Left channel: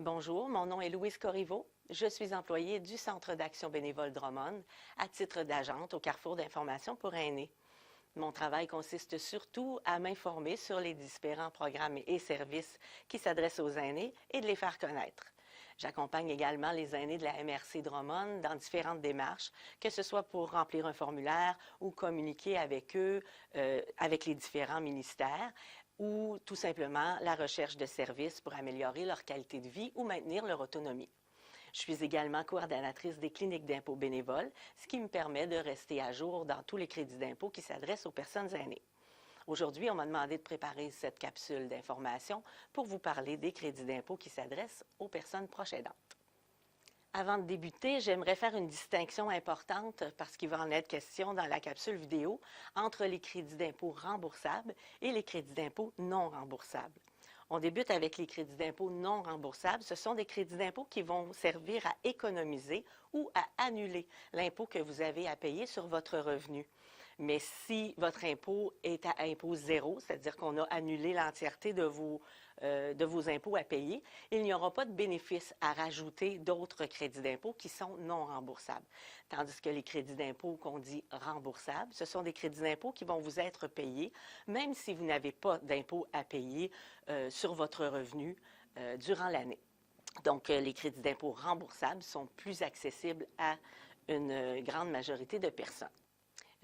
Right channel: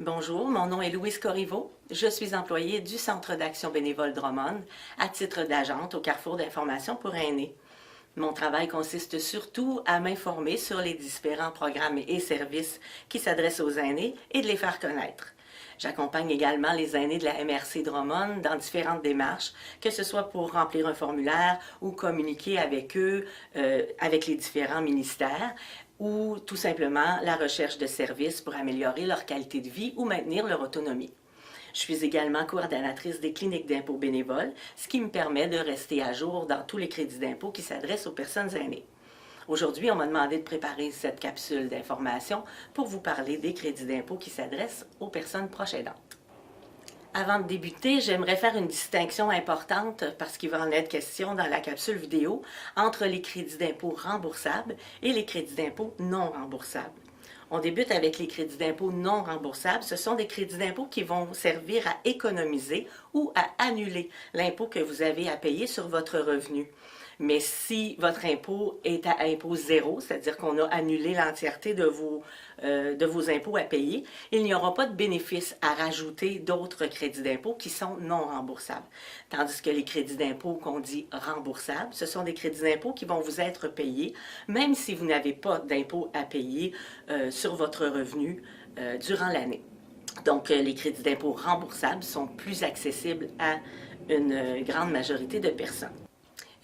Bonjour, mon nom est Louise Corriveau. Je suis employée du Centre d'action bénévole Drummond à titre d'agente au Carrefour d'information pour aînés. Mon travail consiste surtout à m'informer sur les différents programmes et services qui s'adressent aux aînés et de les faire connaître. J'accompagne également les aînés de la MRC Drummond dans différentes démarches, que ce soit pour remplir un formulaire ou communiquer avec eux, avec les différents ministères, ou tout simplement la recherche de services pour améliorer leur qualité de vie ou maintenir leur autonomie. Je suis également coordonnatrice des cliniques d'impôt bénévoles, ce qui me permet de rester à jour dans tous les crédits d'impôt qui s'adressent aux personnes aînées. Aujourd'hui, on m'a demandé de préparer cette capsule d'information pour vous parler des crédits d'impôt qui s'adressent aux personnes proches aidantes. Avant de débuter, j'aimerais faire une distinction importante, parce qu'il va en être question dans la capsule vidéo, entre les crédits d'impôt remboursables et les crédits d'impôt non remboursables. On débute avec les crédits d'impôt non remboursables. Ce sont des crédits d'impôt qui vont servir à économiser ou à annuler l'impôt que vous avez à payer sur votre revenu. Mais si votre impôt est à impôt zéro, c'est-à-dire qu'on a annulé l'entièreté de vos impôts à payer, il n'y aura pas de bénéfice à rajouter d'autres crédits d'impôt qui sont non remboursables. Tandis que les crédits d'impôt qu'on dit remboursables, ce sont des crédits d'impôt qui vont vous être payés, même si vous n'avez pas d'impôt à payer sur votre revenu durant l'année. Donc, les crédits d'impôt remboursables sont plus accessibles à une grande majorité de personnes.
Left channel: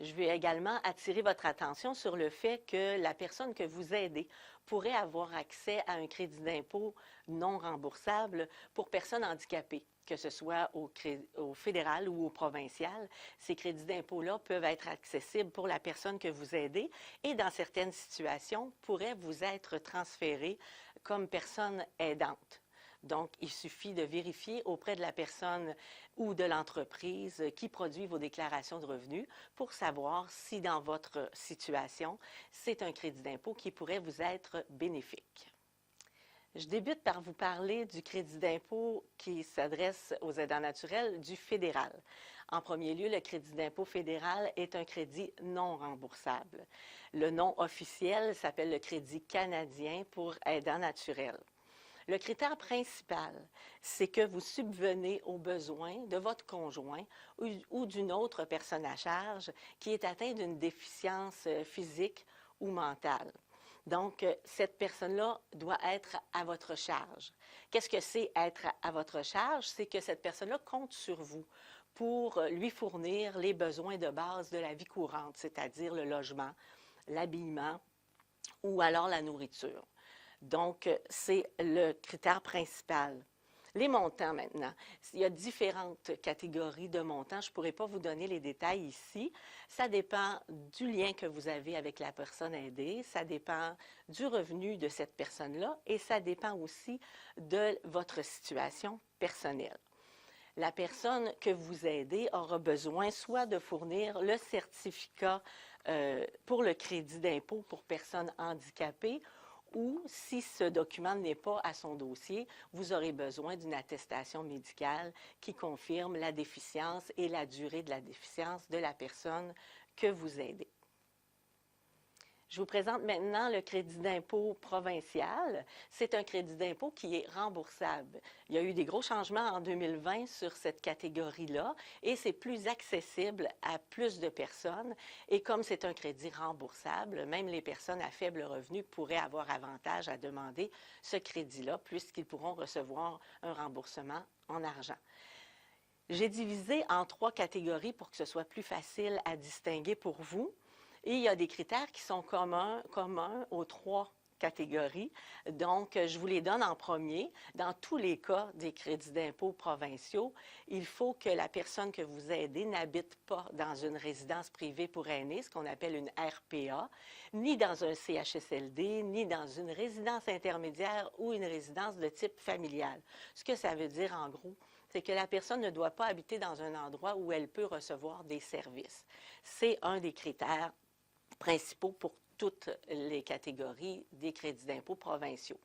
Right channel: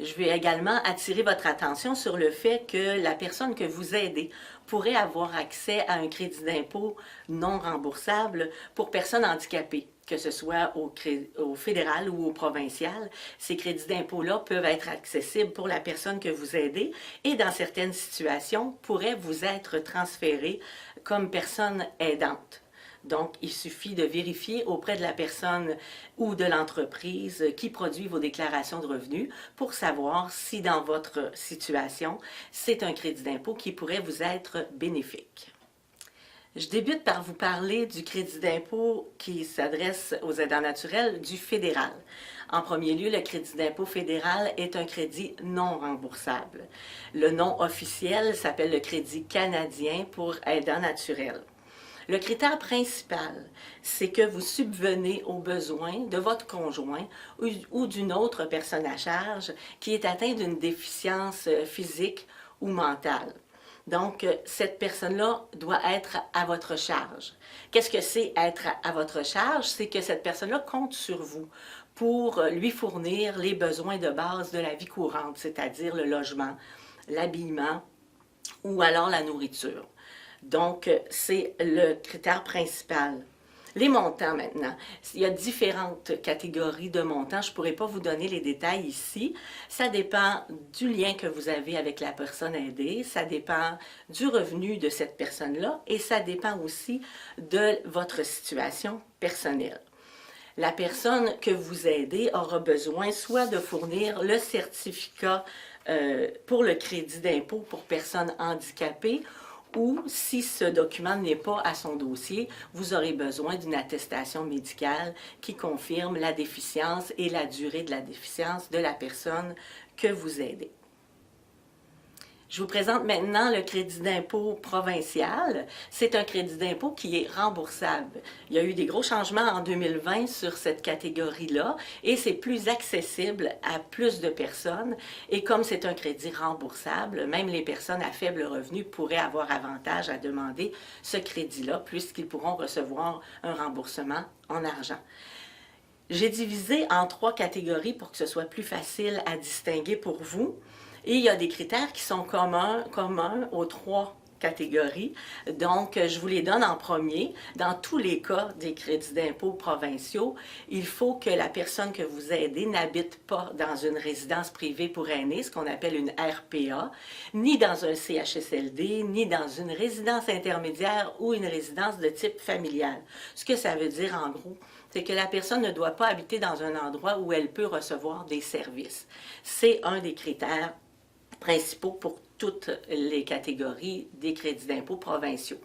Je vais également attirer votre attention sur le fait que la personne que vous aidez pourrait avoir accès à un crédit d'impôt non remboursable pour personnes handicapées, que ce soit au fédéral ou au provincial. Ces crédits d'impôt-là peuvent être accessibles pour la personne que vous aidez et, dans certaines situations, pourraient vous être transférés comme personne aidante. Donc, il suffit de vérifier auprès de la personne ou de l'entreprise qui produit vos déclarations de revenus pour savoir si dans votre situation, c'est un crédit d'impôt qui pourrait vous être bénéfique. Je débute par vous parler du crédit d'impôt qui s'adresse aux aidants naturels du fédéral. En premier lieu, le crédit d'impôt fédéral est un crédit non remboursable. Le nom officiel s'appelle le crédit canadien pour aidants naturels. Le critère principal, c'est que vous subvenez aux besoins de votre conjoint ou d'une autre personne à charge qui est atteinte d'une déficience physique ou mentale. Donc, cette personne-là doit être à votre charge. Qu'est-ce que c'est être à votre charge? C'est que cette personne-là compte sur vous pour lui fournir les besoins de base de la vie courante, c'est-à-dire le logement, l'habillement ou alors la nourriture. Donc, c'est le critère principal. Les montants maintenant. Il y a différentes catégories de montants. Je ne pourrais pas vous donner les détails ici. Ça dépend du lien que vous avez avec la personne aidée, ça dépend du revenu de cette personne-là et ça dépend aussi de votre situation personnelle. La personne que vous aidez aura besoin soit de fournir le certificat pour le crédit d'impôt pour personnes handicapées, ou si ce document n'est pas à son dossier, vous aurez besoin d'une attestation médicale qui confirme la déficience et la durée de la déficience de la personne que vous aidez. Je vous présente maintenant le crédit d'impôt provincial. C'est un crédit d'impôt qui est remboursable. Il y a eu des gros changements en 2020 sur cette catégorie-là et c'est plus accessible à plus de personnes. Et comme c'est un crédit remboursable, même les personnes à faible revenu pourraient avoir avantage à demander ce crédit-là puisqu'ils pourront recevoir un remboursement en argent. J'ai divisé en 3 catégories pour que ce soit plus facile à distinguer pour vous. Et il y a des critères qui sont communs aux 3 catégories. Donc, je vous les donne en premier. Dans tous les cas des crédits d'impôt provinciaux, il faut que la personne que vous aidez n'habite pas dans une résidence privée pour aînés, ce qu'on appelle une RPA, ni dans un CHSLD, ni dans une résidence intermédiaire ou une résidence de type familial. Ce que ça veut dire en gros, c'est que la personne ne doit pas habiter dans un endroit où elle peut recevoir des services. C'est un des critères principaux pour toutes les catégories des crédits d'impôt provinciaux.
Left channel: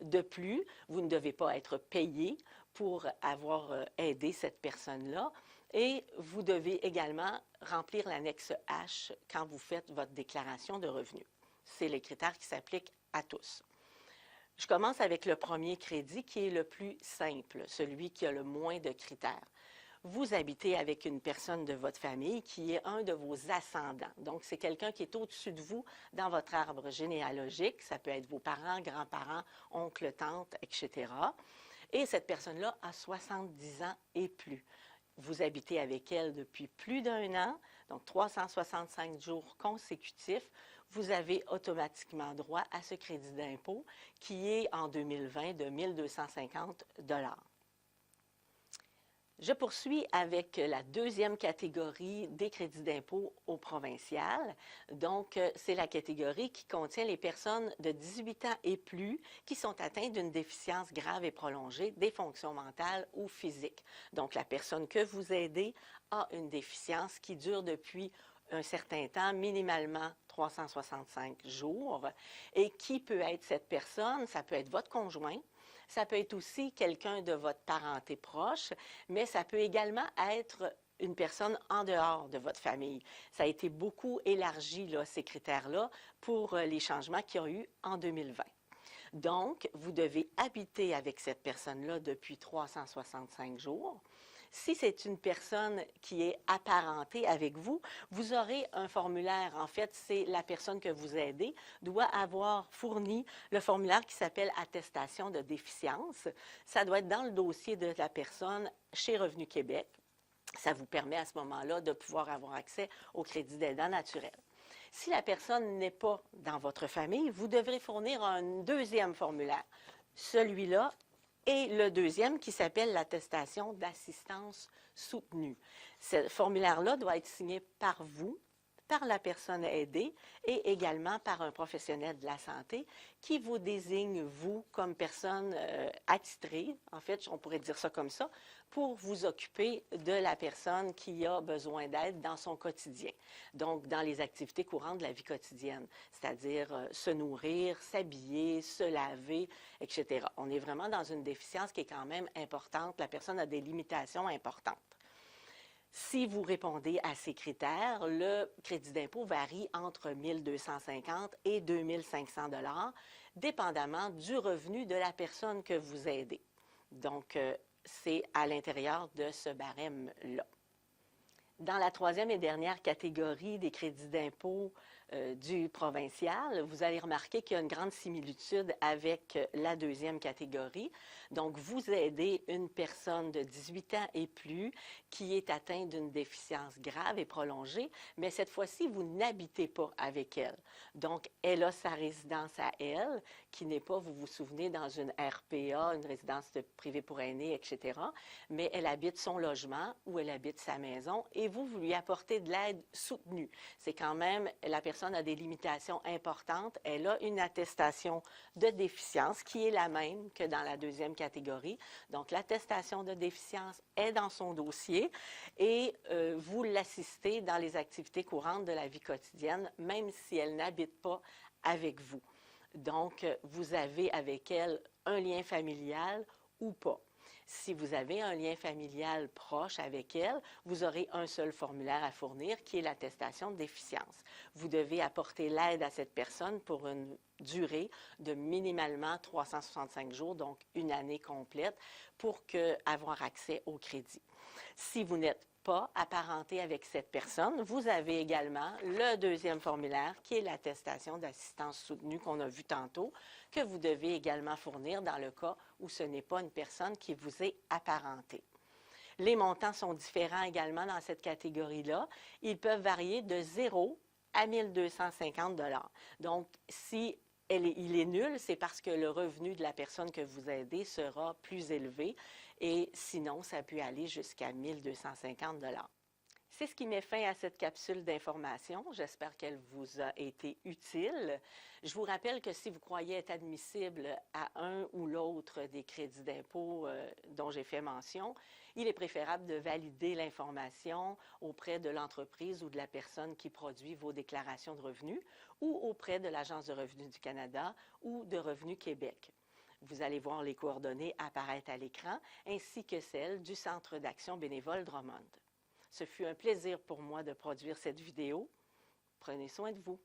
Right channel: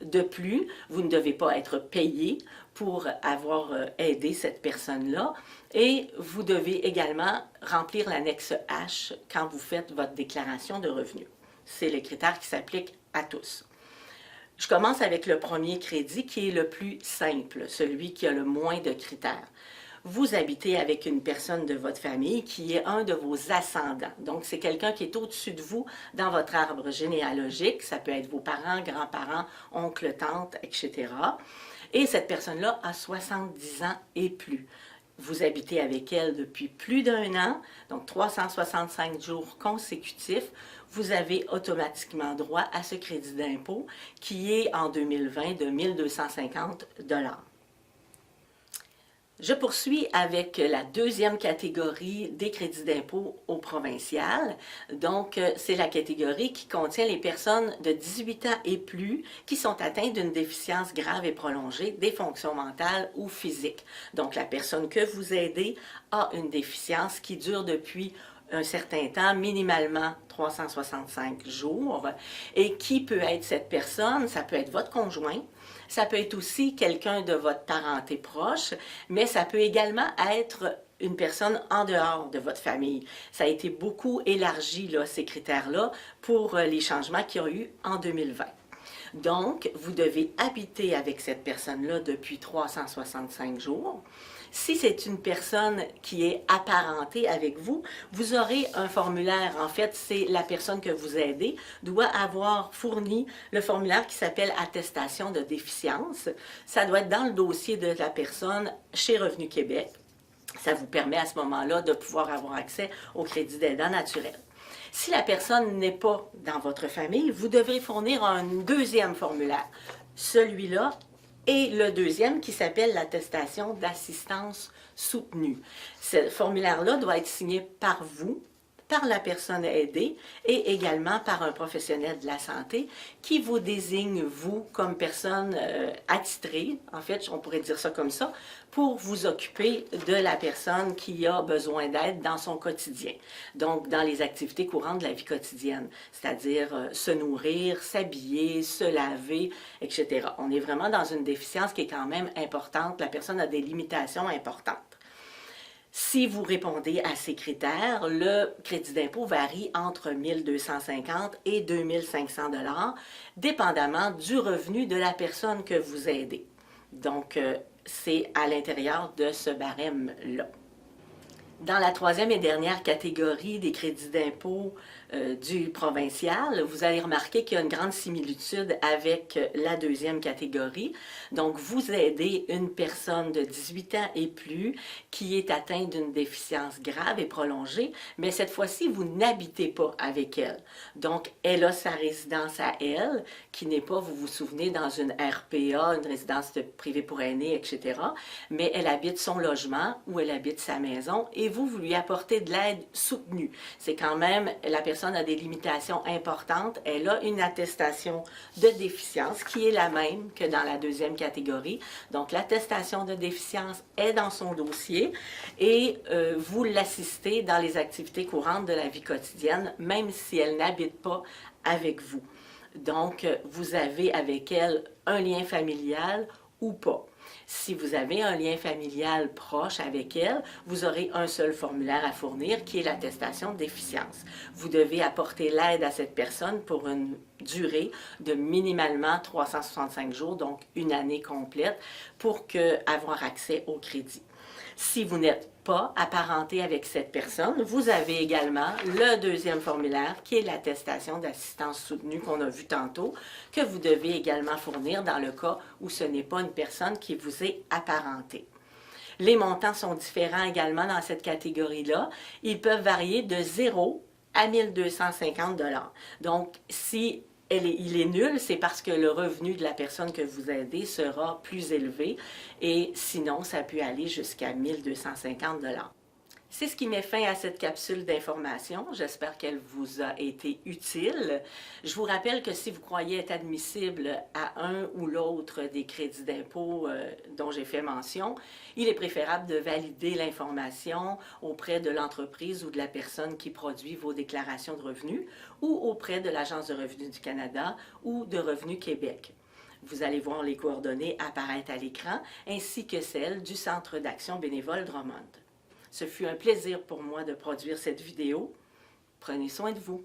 De plus, vous ne devez pas être payé pour avoir aidé cette personne-là et vous devez également remplir l'annexe H quand vous faites votre déclaration de revenus. C'est le critère qui s'applique à tous. Je commence avec le premier crédit qui est le plus simple, celui qui a le moins de critères. Vous habitez avec une personne de votre famille qui est un de vos ascendants. Donc, c'est quelqu'un qui est au-dessus de vous dans votre arbre généalogique. Ça peut être vos parents, grands-parents, oncles, tantes, etc. Et cette personne-là a 70 ans et plus. Vous habitez avec elle depuis plus d'1 an, donc 365 jours consécutifs. Vous avez automatiquement droit à ce crédit d'impôt qui est en 2020 de 1 250 $. Je poursuis avec la deuxième catégorie des crédits d'impôt au provincial. Donc, c'est la catégorie qui contient les personnes de 18 ans et plus qui sont atteintes d'une déficience grave et prolongée des fonctions mentales ou physiques. Donc, la personne que vous aidez a une déficience qui dure depuis un certain temps, minimalement 365 jours. Et qui peut être cette personne? Ça peut être votre conjoint. Ça peut être aussi quelqu'un de votre parenté proche, mais ça peut également être une personne en dehors de votre famille. Ça a été beaucoup élargi, là, ces critères-là, pour les changements qu'il y a eu en 2020. Donc, vous devez habiter avec cette personne-là depuis 365 jours. Si c'est une personne qui est apparentée avec vous, vous aurez un formulaire. En fait, c'est la personne que vous aidez doit avoir fourni le formulaire qui s'appelle attestation de déficience. Ça doit être dans le dossier de la personne chez Revenu Québec. Ça vous permet à ce moment-là de pouvoir avoir accès au crédit d'aidant naturel. Si la personne n'est pas dans votre famille, vous devrez fournir un deuxième formulaire. Celui-là et le deuxième qui s'appelle l'attestation d'assistance soutenue. Ce formulaire-là doit être signé par vous, par la personne aidée et également par un professionnel de la santé qui vous désigne, vous, comme personne attitrée, en fait, on pourrait dire ça comme ça, pour vous occuper de la personne qui a besoin d'aide dans son quotidien. Donc, dans les activités courantes de la vie quotidienne, c'est-à-dire se nourrir, s'habiller, se laver, etc. On est vraiment dans une déficience qui est quand même importante. La personne a des limitations importantes. Si vous répondez à ces critères, le crédit d'impôt varie entre 1 250 et 2 500 $, dépendamment du revenu de la personne que vous aidez. Donc, c'est à l'intérieur de ce barème-là. Dans la troisième et dernière catégorie des crédits d'impôt du provincial, vous allez remarquer qu'il y a une grande similitude avec la deuxième catégorie. Donc, vous aidez une personne de 18 ans et plus qui est atteinte d'une déficience grave et prolongée, mais cette fois-ci, vous n'habitez pas avec elle. Donc, elle a sa résidence à elle, qui n'est pas, vous vous souvenez, dans une RPA, une résidence privée pour aînés, etc., mais elle habite son logement ou elle habite sa maison et vous lui apportez de l'aide soutenue. C'est quand même, la personne a des limitations importantes, elle a une attestation de déficience qui est la même que dans la deuxième catégorie. Donc, l'attestation de déficience est dans son dossier et vous l'assistez dans les activités courantes de la vie quotidienne, même si elle n'habite pas avec vous. Donc, vous avez avec elle un lien familial ou pas. Si vous avez un lien familial proche avec elle, vous aurez un seul formulaire à fournir qui est l'attestation de déficience. Vous devez apporter l'aide à cette personne pour une durée de minimalement 365 jours, donc une année complète, pour avoir accès au crédit. Si vous n'êtes pas apparenté avec cette personne, vous avez également le deuxième formulaire qui est l'attestation d'assistance soutenue qu'on a vu tantôt, que vous devez également fournir dans le cas où ce n'est pas une personne qui vous est apparentée. Les montants sont différents également dans cette catégorie-là. Ils peuvent varier de 0 à 1 250 $. Donc, si il est nul, c'est parce que le revenu de la personne que vous aidez sera plus élevé et sinon, ça peut aller jusqu'à 1 250 $. C'est ce qui met fin à cette capsule d'information. J'espère qu'elle vous a été utile. Je vous rappelle que si vous croyez être admissible à un ou l'autre des crédits d'impôt dont j'ai fait mention, il est préférable de valider l'information auprès de l'entreprise ou de la personne qui produit vos déclarations de revenus ou auprès de l'Agence de revenus du Canada ou de Revenu Québec. Vous allez voir les coordonnées apparaître à l'écran, ainsi que celles du Centre d'action bénévole Drummond. Ce fut un plaisir pour moi de produire cette vidéo. Prenez soin de vous.